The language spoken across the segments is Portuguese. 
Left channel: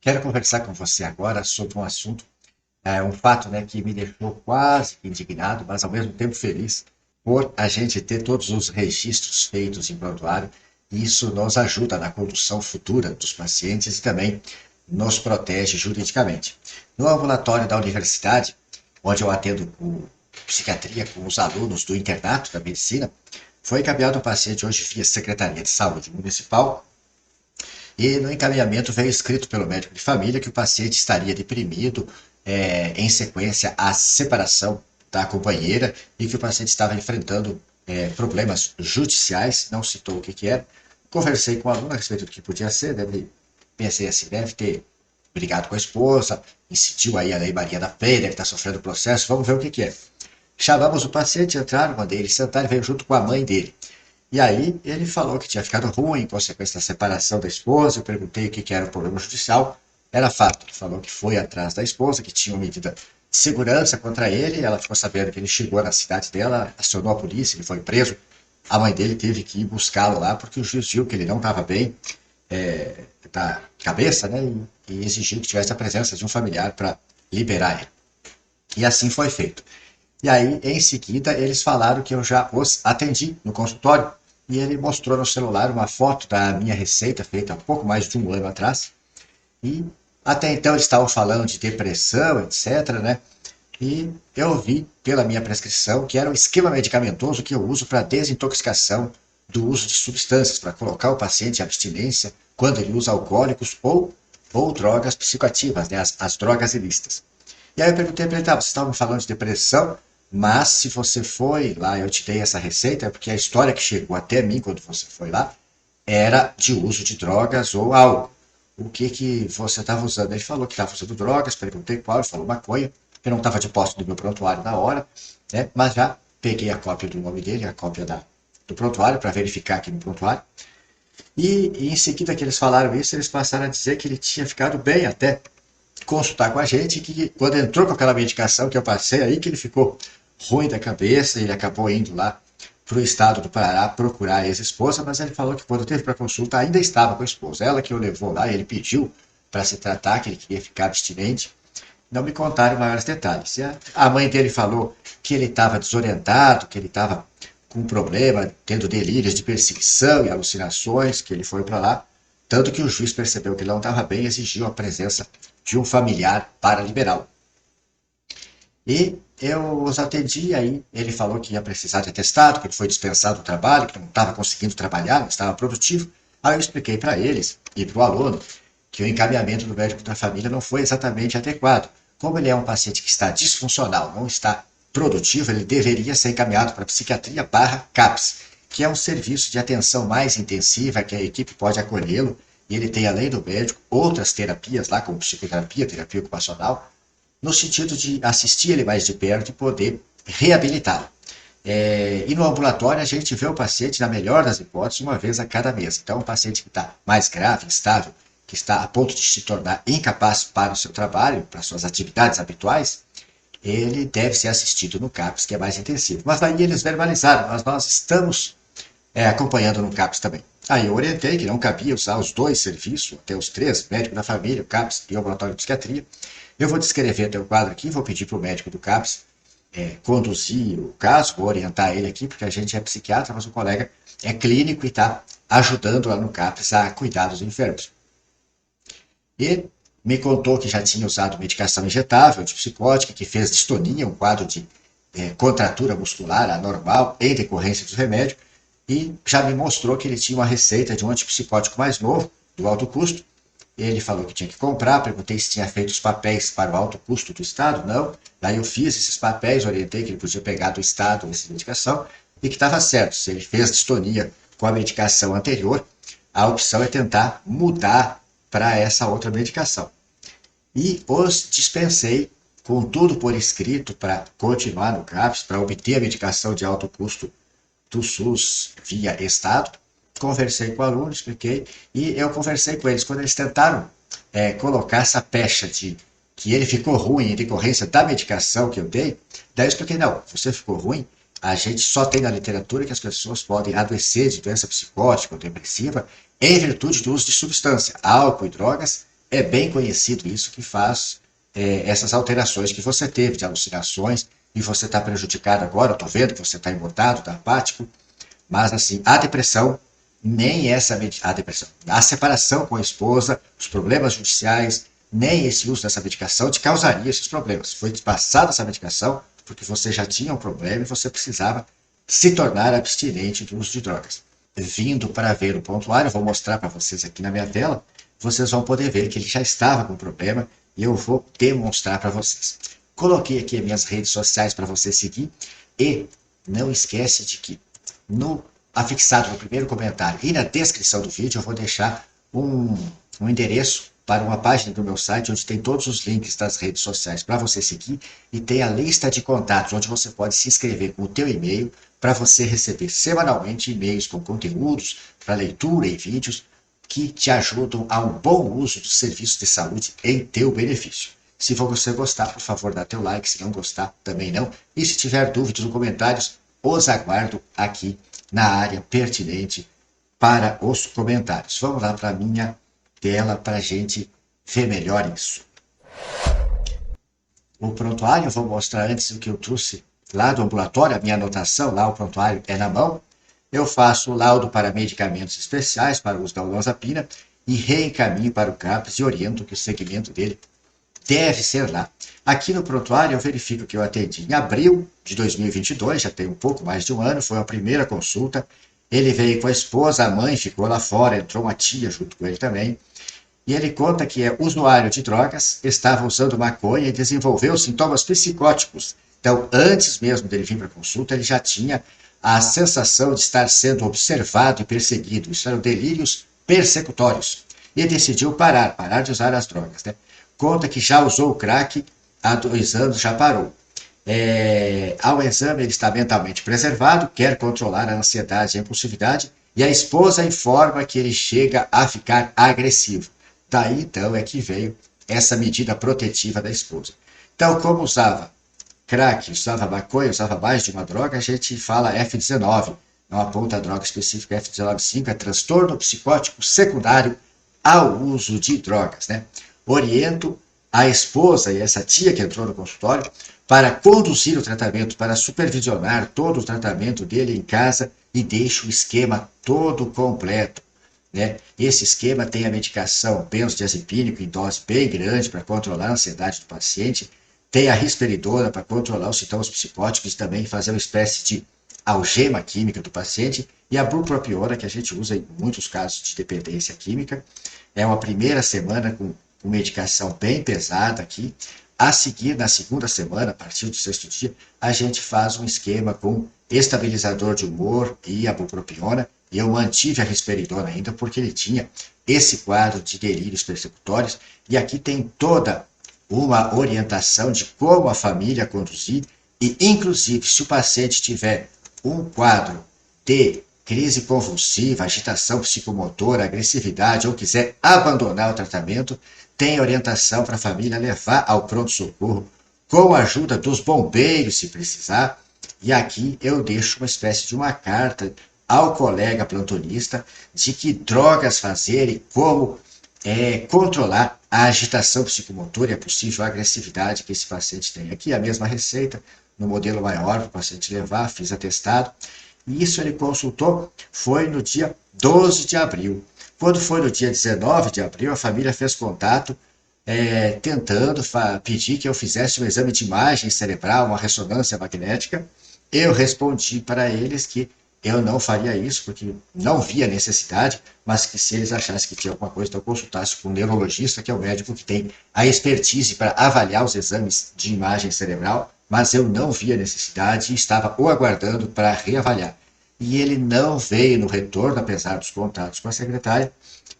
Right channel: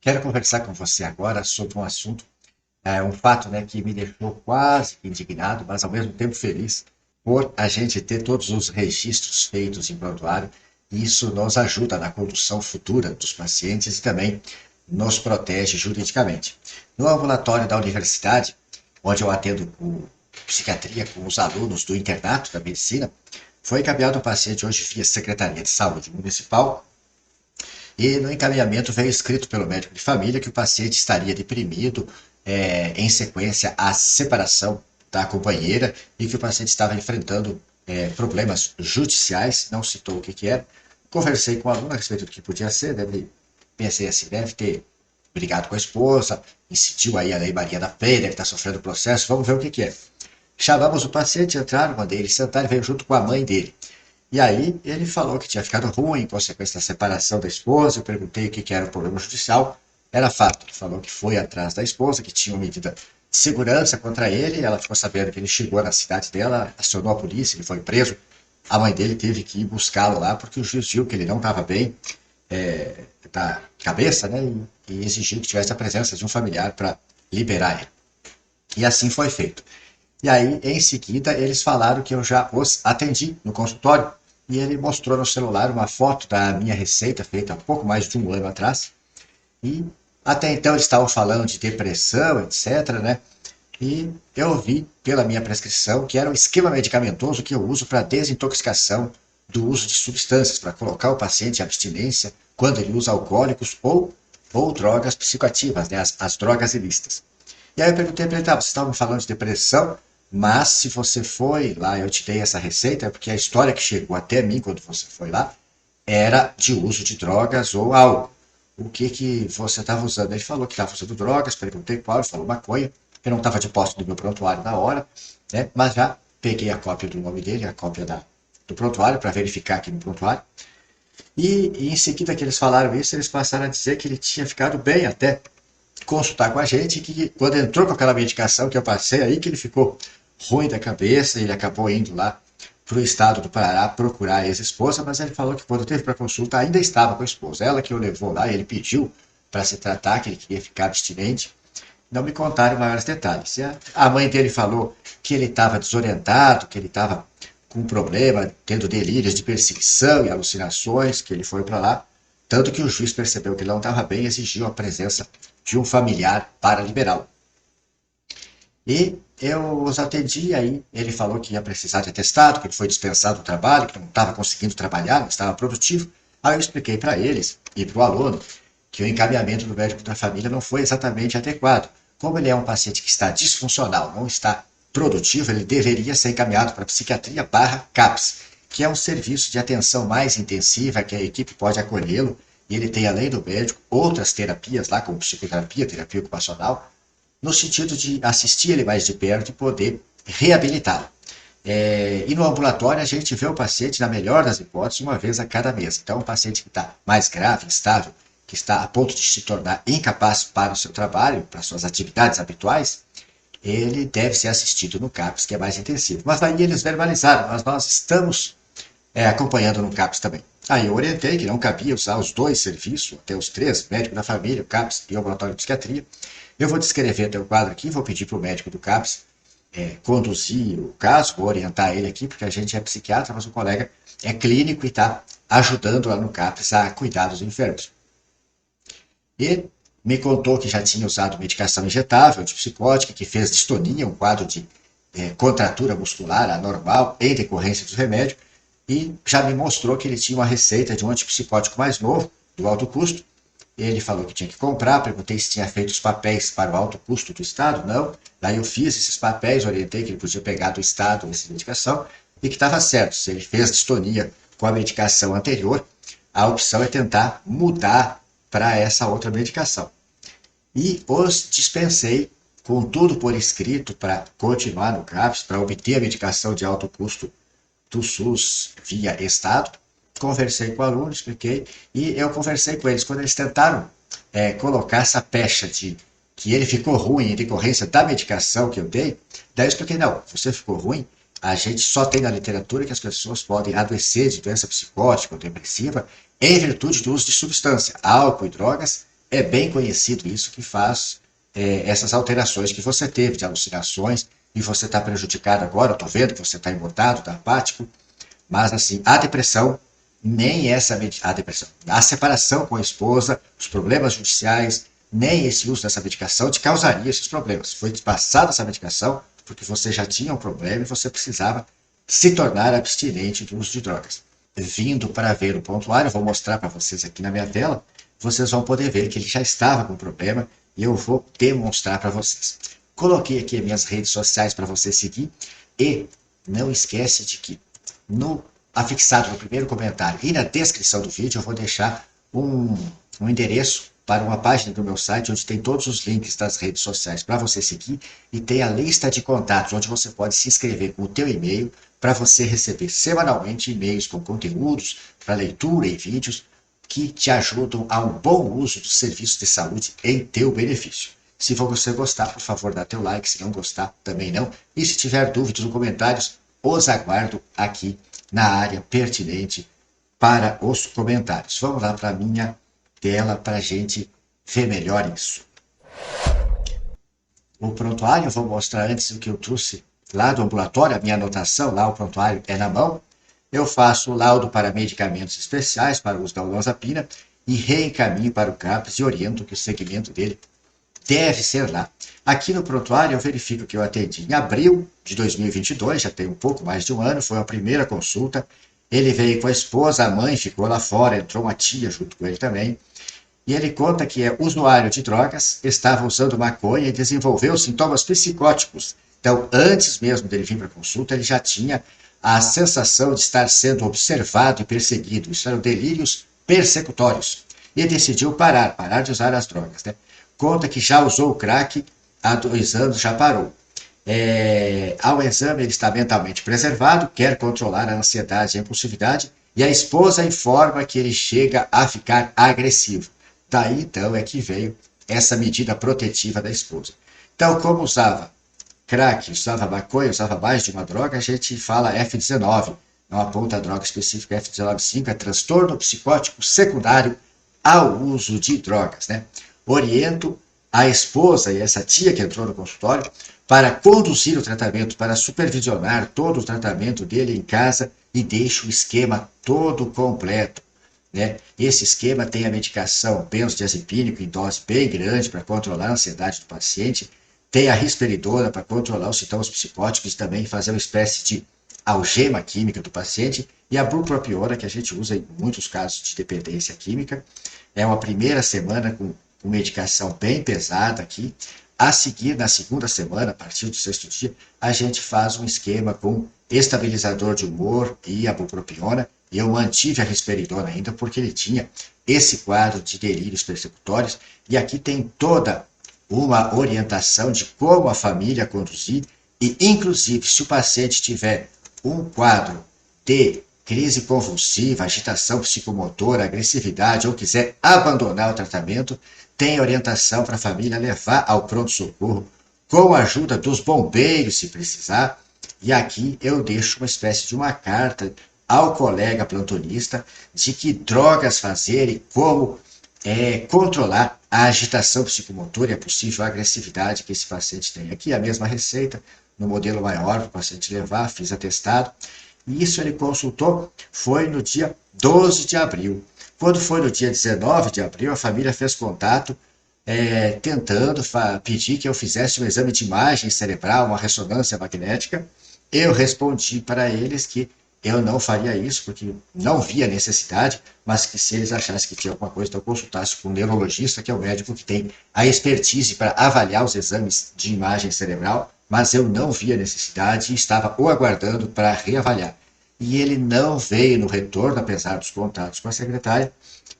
Quero conversar com você agora sobre um assunto, um fato, né, que me deixou quase indignado, mas ao mesmo tempo feliz por a gente ter todos os registros feitos em prontuário. Isso nos ajuda na condução futura dos pacientes e também nos protege juridicamente. No ambulatório da universidade, onde eu atendo os alunos do internato da medicina, foi encaminhado o paciente hoje da Secretaria de Saúde Municipal. E no encaminhamento veio feito pelo médico de família que o paciente estaria deprimido em sequência à separação da companheira e que o paciente estava enfrentando problemas judiciais, não citou o que era. Conversei com algumas coisas que podia ser, ele deve ter brigado com a esposa, se Maria me bater na pele, ele está sofrendo processo, vamos ver o que é. Chamamos o paciente, entraram na dele, sentaram junto com a mãe dele. E aí ele falou que tinha ficado ruim com essa separação da esposa, perguntei o que era problema judicial. Ela falou que foi atrás da esposa, que tinha uma medida de segurança contra ele, ela ficou sabendo que ele chegou na cidade dela, ela chamou a polícia, que foi preso. A mãe dele teve que buscá-lo lá, porque insistiu que ele não estava bem da cabeça, né? E exigiu que tivesse a presença de um familiar para liberar. E assim foi feito. E aí, em seguida, eles falaram que eu já atendi no consultório e ele mostrou no celular uma foto da minha receita, feita há pouco mais de um mês atrás. E até então eles estavam falando de depressão, etc, né? E eu vi pela minha prescrição que era um estilo medicamentoso que eu uso para desintoxicação do uso de substâncias, para colocar o paciente em abstinência quando ele usa alcoólicos ou drogas psicoativas, né? As drogas ilícitas. E aí eu perguntei para ele, tá, vocês estavam falando de depressão, mas se você foi lá, eu te dei essa receita, é porque a história que chegou até mim quando você foi lá era de uso de drogas ou álcool. O que que você estava usando? Ele falou que estava usando drogas, perguntei qual, ele falou maconha. Eu não estava de posse do meu prontuário na hora, né? Mas já peguei a cópia do nome dele, a cópia do prontuário, para verificar aqui no prontuário. E em seguida que eles falaram isso, eles passaram a dizer que ele tinha ficado bem até consultar com a gente, que quando entrou com aquela medicação que eu passei aí, que ele ficou ruim da cabeça, ele acabou indo lá para o estado do Pará procurar a ex-esposa, mas ele falou que quando teve para consulta ainda estava com a esposa. Ela que o levou lá, ele pediu para se tratar, que ele queria ficar abstinente. Não me contaram maiores detalhes. E a mãe dele falou que ele estava desorientado, que ele estava com problema, tendo delírios de perseguição e alucinações, que ele foi para lá. Tanto que o juiz percebeu que ele não estava bem e exigiu a presença de um familiar para liberá-lo. E eu os atendi, aí ele falou que ia precisar de atestado, que ele foi dispensado do trabalho, que não estava conseguindo trabalhar, não estava produtivo. Aí eu expliquei para eles e para o aluno que o encaminhamento do médico da família não foi exatamente adequado. Como ele é um paciente que está disfuncional, não está produtivo, ele deveria ser encaminhado para a psiquiatria barra CAPS, que é um serviço de atenção mais intensiva, que a equipe pode acolhê-lo, e ele tem, além do médico, outras terapias lá, como psicoterapia, terapia ocupacional, no sentido de assistir ele mais de perto e poder reabilitá-lo. E no ambulatório a gente vê o paciente, na melhor das hipóteses, uma vez a cada mês. Então, um paciente que está mais grave, instável, que está a ponto de se tornar incapaz para o seu trabalho, para suas atividades habituais, ele deve ser assistido no CAPS, que é mais intensivo. Mas aí eles verbalizaram, mas nós estamos acompanhando no CAPS também. Aí eu orientei que não cabia usar os dois serviços, até os três, médico da família, o CAPS e o ambulatório de psiquiatria. Eu vou descrever até o quadro aqui, vou pedir para o médico do CAPS conduzir o caso, vou orientar ele aqui, porque a gente é psiquiatra, mas o colega é clínico e está ajudando lá no CAPS a cuidar dos enfermos. E me contou que já tinha usado medicação injetável, antipsicótica, que fez distonia, um quadro de contratura muscular anormal em decorrência do remédio, e já me mostrou que ele tinha uma receita de um antipsicótico mais novo, do alto custo. Ele falou que tinha que comprar, perguntei se tinha feito os papéis para o alto custo do Estado, não. Daí eu fiz esses papéis, orientei que ele podia pegar do Estado essa medicação e que estava certo. Se ele fez distonia com a medicação anterior, a opção é tentar mudar para essa outra medicação. E os dispensei com tudo por escrito para continuar no CAPS, para obter a medicação de alto custo do SUS via Estado. Conversei com o aluno, expliquei, e eu conversei com eles. Quando eles tentaram colocar essa pecha de que ele ficou ruim em decorrência da medicação que eu dei, daí eu expliquei, não, você ficou ruim, a gente só tem na literatura que as pessoas podem adoecer de doença psicótica ou depressiva em virtude do uso de substância, álcool e drogas, É bem conhecido isso que faz essas alterações que você teve de alucinações e você está prejudicado agora. Eu estou vendo que você está embotado, está apático, mas assim, a depressão, nem essa a depressão, a separação com a esposa, os problemas judiciais, nem esse uso dessa medicação te causaria esses problemas. Foi te passada essa medicação porque você já tinha, você precisava se tornar abstinente do uso de drogas. Vindo para ver o prontuário, eu vou mostrar para vocês aqui na minha tela, vocês vão poder ver que ele já estava com problema e eu vou demonstrar para vocês. Coloquei aqui as minhas redes sociais para você seguir e não esquece de que no afixado no primeiro comentário e na descrição do vídeo eu vou deixar um endereço para uma página do meu site onde tem todos os links das redes sociais para você seguir e tem a lista de contatos onde você pode se inscrever com o teu e-mail para você receber semanalmente e-mails com conteúdos para leitura e vídeos que te ajudam a um bom uso dos serviços de saúde em teu benefício. Se você gostar, por favor, dá teu like. Se não gostar, também não. E se tiver dúvidas ou comentários, os aguardo aqui na área pertinente para os comentários. Vamos lá para a minha tela para a gente ver melhor isso. O prontuário, eu vou mostrar antes o que eu trouxe lá do ambulatório, a minha anotação, lá o prontuário é na mão. Eu faço o laudo para medicamentos especiais para o uso da olanzapina e reencaminho para o CAPS e oriento que o segmento dele deve ser lá. Aqui no prontuário eu verifico que eu atendi em abril de 2022, já tem um pouco mais de um ano, foi a primeira consulta. Ele veio com a esposa, a mãe ficou lá fora, entrou uma tia junto com ele também. E ele conta que é usuário de drogas, estava usando maconha e desenvolveu sintomas psicóticos. Então, antes mesmo dele vir para a consulta, ele já tinha a sensação de estar sendo observado e perseguido. Isso eram delírios persecutórios. E decidiu parar de usar as drogas, né? Conta que já usou o crack há 2 anos, já parou. Ao exame, ele está mentalmente preservado, quer controlar a ansiedade e a impulsividade, e a esposa informa que ele chega a ficar agressivo. Daí, então, é que veio essa medida protetiva da esposa. Então, como usava crack, usava maconha, usava mais de uma droga, a gente fala F19, não aponta a droga específica F19,5, é transtorno psicótico secundário ao uso de drogas, né? Oriento a esposa e essa tia que entrou no consultório para conduzir o tratamento, para supervisionar todo o tratamento dele em casa e deixo o esquema todo completo, né? Esse esquema tem a medicação benzodiazepínico em dose bem grande para controlar a ansiedade do paciente, tem a risperidona para controlar os sintomas psicóticos e também fazer uma espécie de algema química do paciente, e a bupropiona, que a gente usa em muitos casos de dependência química. É uma primeira semana com medicação bem pesada aqui. A seguir, na segunda semana, a partir do 6º dia, a gente faz um esquema com estabilizador de humor e a bupropiona. E eu mantive a risperidona ainda porque ele tinha esse quadro de delírios persecutórios. E aqui tem toda uma orientação de como a família conduzir e, inclusive, se o paciente tiver um quadro de crise convulsiva, agitação psicomotora, agressividade ou quiser abandonar o tratamento, tem orientação para a família levar ao pronto-socorro com a ajuda dos bombeiros, se precisar. E aqui eu deixo uma espécie de uma carta ao colega plantonista de que drogas fazer e como controlar a agitação psicomotora e a possível agressividade que esse paciente tem. Aqui a mesma receita, no modelo maior para o paciente levar, fiz atestado. E isso ele consultou, foi no dia 12 de abril. Quando foi no dia 19 de abril, a família fez contato, tentando pedir que eu fizesse um exame de imagem cerebral, uma ressonância magnética. Eu respondi para eles que eu não faria isso, porque não via necessidade, mas que se eles achassem que tinha alguma coisa, então eu consultasse com um neurologista, que é o médico que tem a expertise para avaliar os exames de imagem cerebral, mas eu não via necessidade e estava o aguardando para reavaliar. E ele não veio no retorno, apesar dos contatos com a secretária,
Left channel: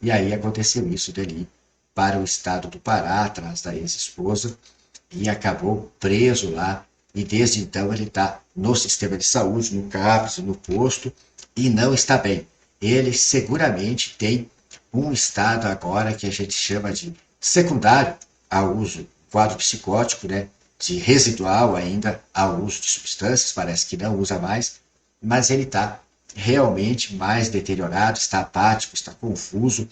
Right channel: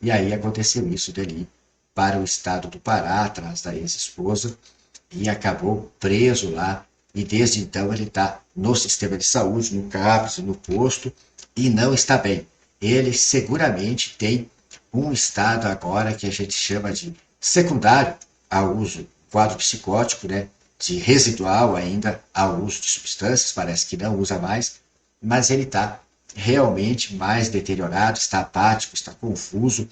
e aí aconteceu isso dele ir para o estado do Pará, atrás da ex-esposa, e acabou preso lá. E desde então ele está no sistema de saúde, no CAPS, no posto, e não está bem. Ele seguramente tem um estado agora que a gente chama de secundário ao uso quadro psicótico, né? De residual ainda ao uso de substâncias, parece que não usa mais, mas ele está realmente mais deteriorado, está apático, está confuso.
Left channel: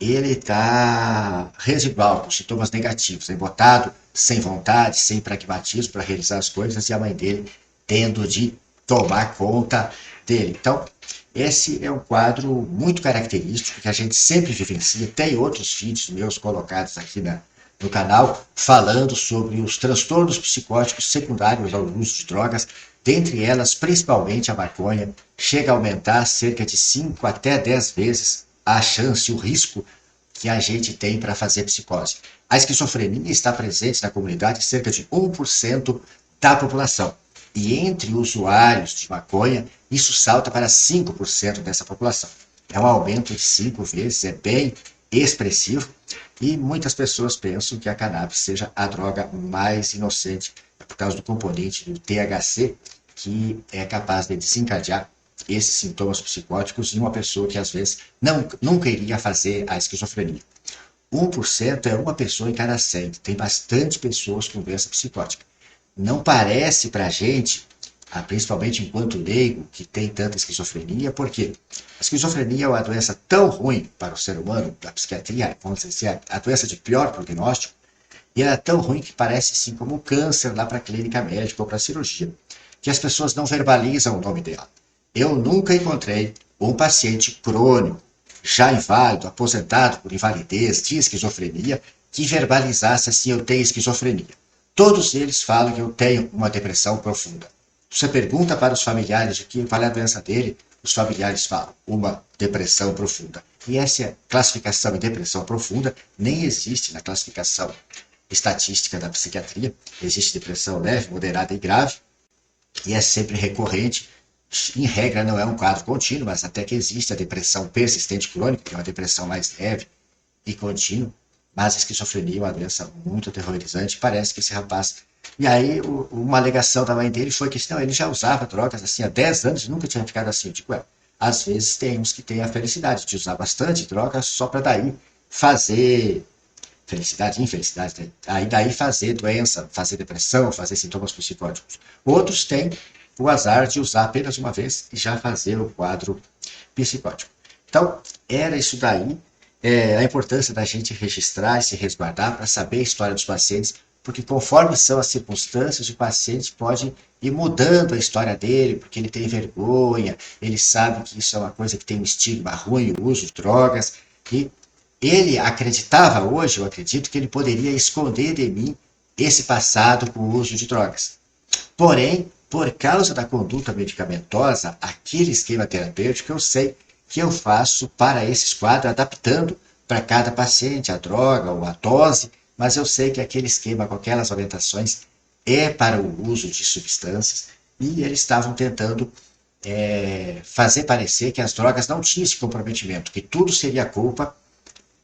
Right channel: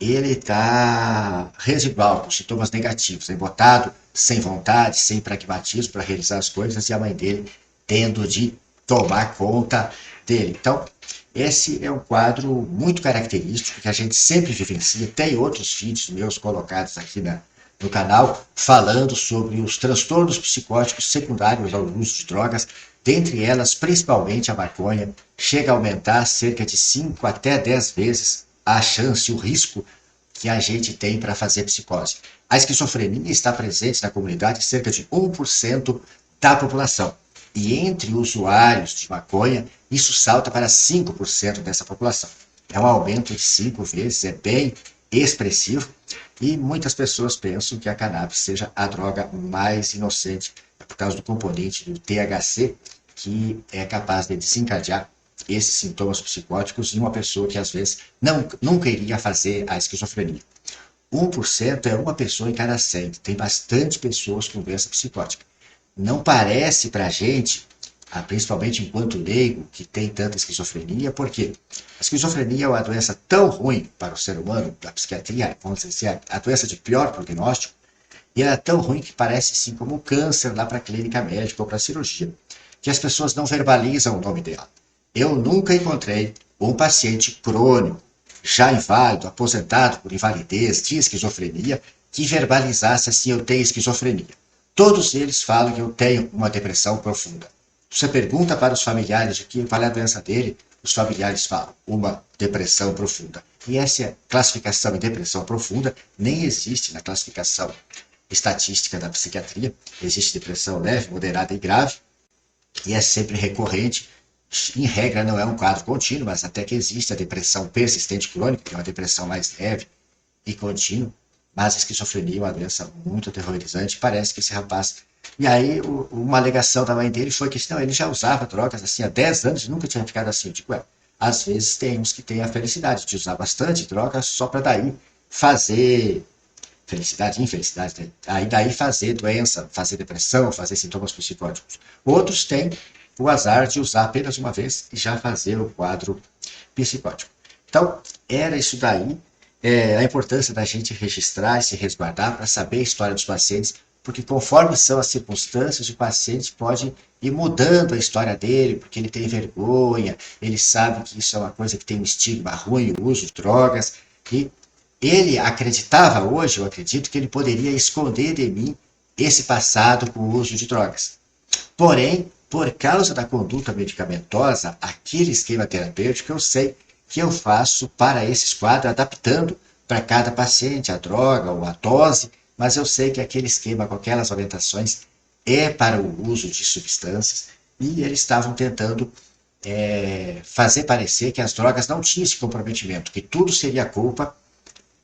ele está residual, com sintomas negativos, embotado, sem vontade, sem pragmatismo para realizar as coisas, e a mãe dele tendo de tomar conta dele. Então, esse é um quadro muito característico que a gente sempre vivencia. Tem outros vídeos meus colocados aqui no canal falando sobre os transtornos psicóticos secundários ao uso de drogas, dentre elas, principalmente a maconha, chega a aumentar cerca de 5 até 10 vezes a chance, o risco que a gente tem para fazer psicose. A esquizofrenia está presente na comunidade em cerca de 1% da população. E entre usuários de maconha, isso salta para 5% dessa população. É um aumento de 5 vezes, é bem expressivo. E muitas pessoas pensam que a cannabis seja a droga mais inocente, por causa do componente do THC, que é capaz de desencadear esses sintomas psicóticos em uma pessoa que às vezes nunca iria fazer a esquizofrenia. 1% é uma pessoa em cada 100. Tem bastante pessoas com doença psicótica. Não parece para a gente, principalmente enquanto leigo, que tem tanta esquizofrenia, porque a esquizofrenia é uma doença tão ruim para o ser humano, da psiquiatria, vamos dizer, a doença de pior prognóstico, e ela é tão ruim que parece sim como um câncer lá para a clínica médica ou para a cirurgia, que as pessoas não verbalizam o nome dela. Eu nunca encontrei um paciente crônico, já inválido, aposentado por invalidez, de esquizofrenia, que verbalizasse assim: eu tenho esquizofrenia. Todos eles falam que eu tenho uma depressão profunda. Você pergunta para os familiares de qual é a doença dele, os familiares falam: uma depressão profunda. E essa classificação em depressão profunda nem existe na classificação estatística da psiquiatria. Existe depressão leve, moderada e grave, e é sempre recorrente. Em regra, não é um quadro contínuo, mas até que existe a depressão persistente crônica, que é uma depressão mais leve e contínua. Mas a esquizofrenia é uma doença muito aterrorizante. Parece que esse rapaz. E aí, uma alegação da mãe dele foi que não, ele já usava drogas assim há 10 anos e nunca tinha ficado assim. Eu digo, às vezes tem uns que têm a felicidade de usar bastante drogas só para daí fazer felicidade, infelicidade, né? Aí daí fazer doença, fazer depressão, fazer sintomas psicóticos. Outros têm o azar de usar apenas uma vez e já fazer o quadro psicótico. Então, era isso daí, a importância da gente registrar e se resguardar para saber a história dos pacientes, porque conforme são as circunstâncias, o paciente pode ir mudando a história dele, porque ele tem vergonha, ele sabe que isso é uma coisa que tem um estigma ruim, o uso de drogas, e ele acreditava hoje, eu acredito, que ele poderia esconder de mim esse passado com o uso de drogas. Porém, por causa da conduta medicamentosa, aquele esquema terapêutico, eu sei que eu faço para esses quadros, adaptando para cada paciente a droga ou a dose, mas eu sei que aquele esquema com aquelas orientações é para o uso de substâncias, e eles estavam tentando fazer parecer que as drogas não tinham esse comprometimento, que tudo seria culpa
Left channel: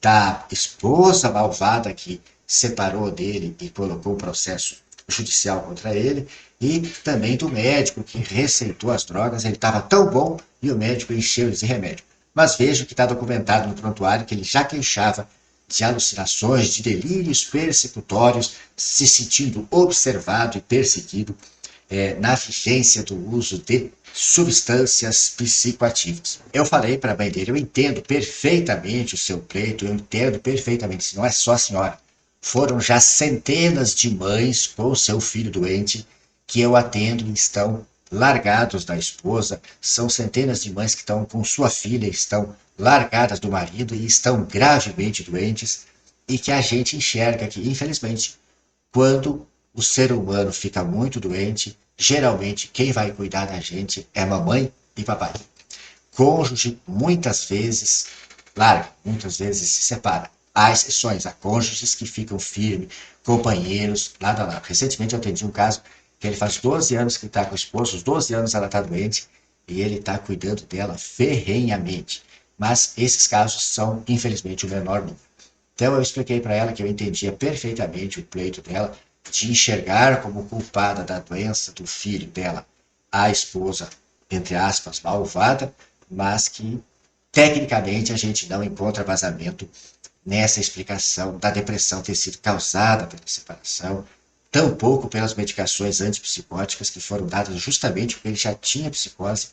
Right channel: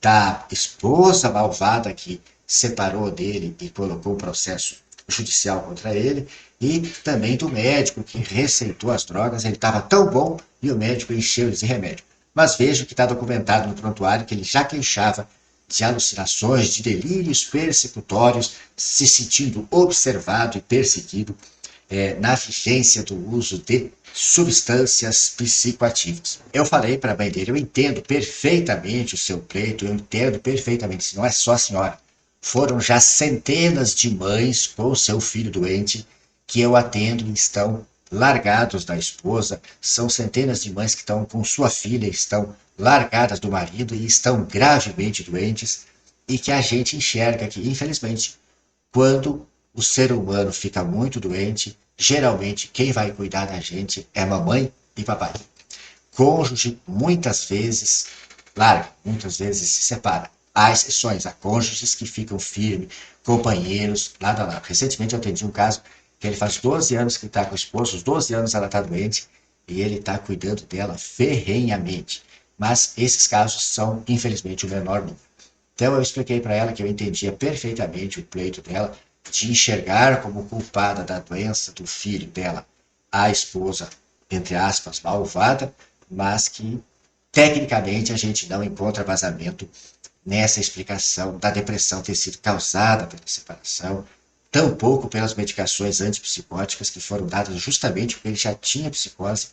da esposa malvada que separou dele e colocou um processo judicial contra ele, e também do médico que receitou as drogas. Ele estava tão bom e o médico encheu ele de remédio. Mas vejo que está documentado no prontuário que ele já queixava de alucinações, de delírios persecutórios, se sentindo observado e perseguido na vivência do uso de substâncias psicoativas. Eu falei para a mãe dele: eu entendo perfeitamente o seu pleito, eu entendo perfeitamente, se não é só a senhora. Foram já centenas de mães com seu filho doente que eu atendo e estão largados da esposa. São centenas de mães que estão com sua filha, estão largadas do marido e estão gravemente doentes, e que a gente enxerga que, infelizmente, quando o ser humano fica muito doente, geralmente quem vai cuidar da gente é mamãe e papai. Cônjuge, muitas vezes, larga, muitas vezes se separa. Há exceções, há cônjuges que ficam firmes, companheiros, lado a lado. Recentemente eu atendi um caso que ele faz 12 anos que está com o esposo, os 12 anos ela está doente, e ele está cuidando dela ferrenhamente. Mas esses casos são, infelizmente, o menor número. Então eu expliquei para ela que eu entendia perfeitamente o pleito dela de enxergar como culpada da doença do filho dela a esposa, entre aspas, malvada, mas que tecnicamente a gente não encontra vazamento nessa explicação da depressão ter sido causada pela separação, tampouco pelas medicações antipsicóticas que foram dadas justamente porque ele já tinha psicose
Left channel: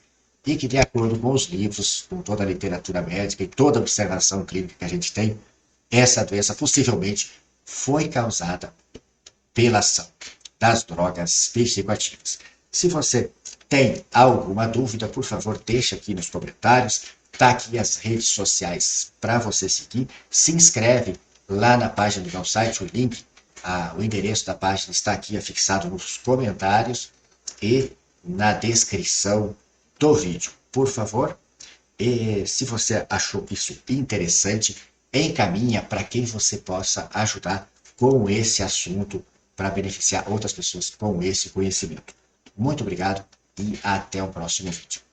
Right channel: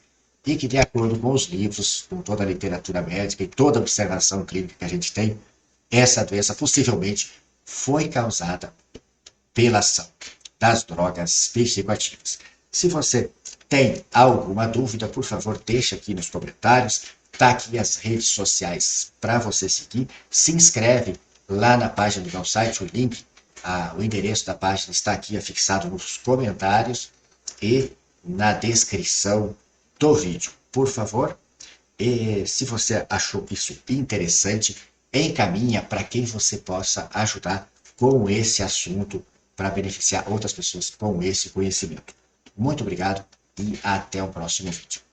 e que, de acordo com os livros, com toda a literatura médica e toda a observação clínica que a gente tem, essa doença possivelmente foi causada pela ação das drogas psicoativas. Se você tem alguma dúvida, por favor, deixa aqui nos comentários. Tá aqui as redes sociais para você seguir. Se inscreve lá na página do meu site, o link, o endereço da página está aqui afixado nos comentários e na descrição do vídeo. Por favor, e se você achou isso interessante, encaminha para quem você possa ajudar com esse assunto para beneficiar outras pessoas com esse conhecimento. Muito obrigado e até o próximo vídeo.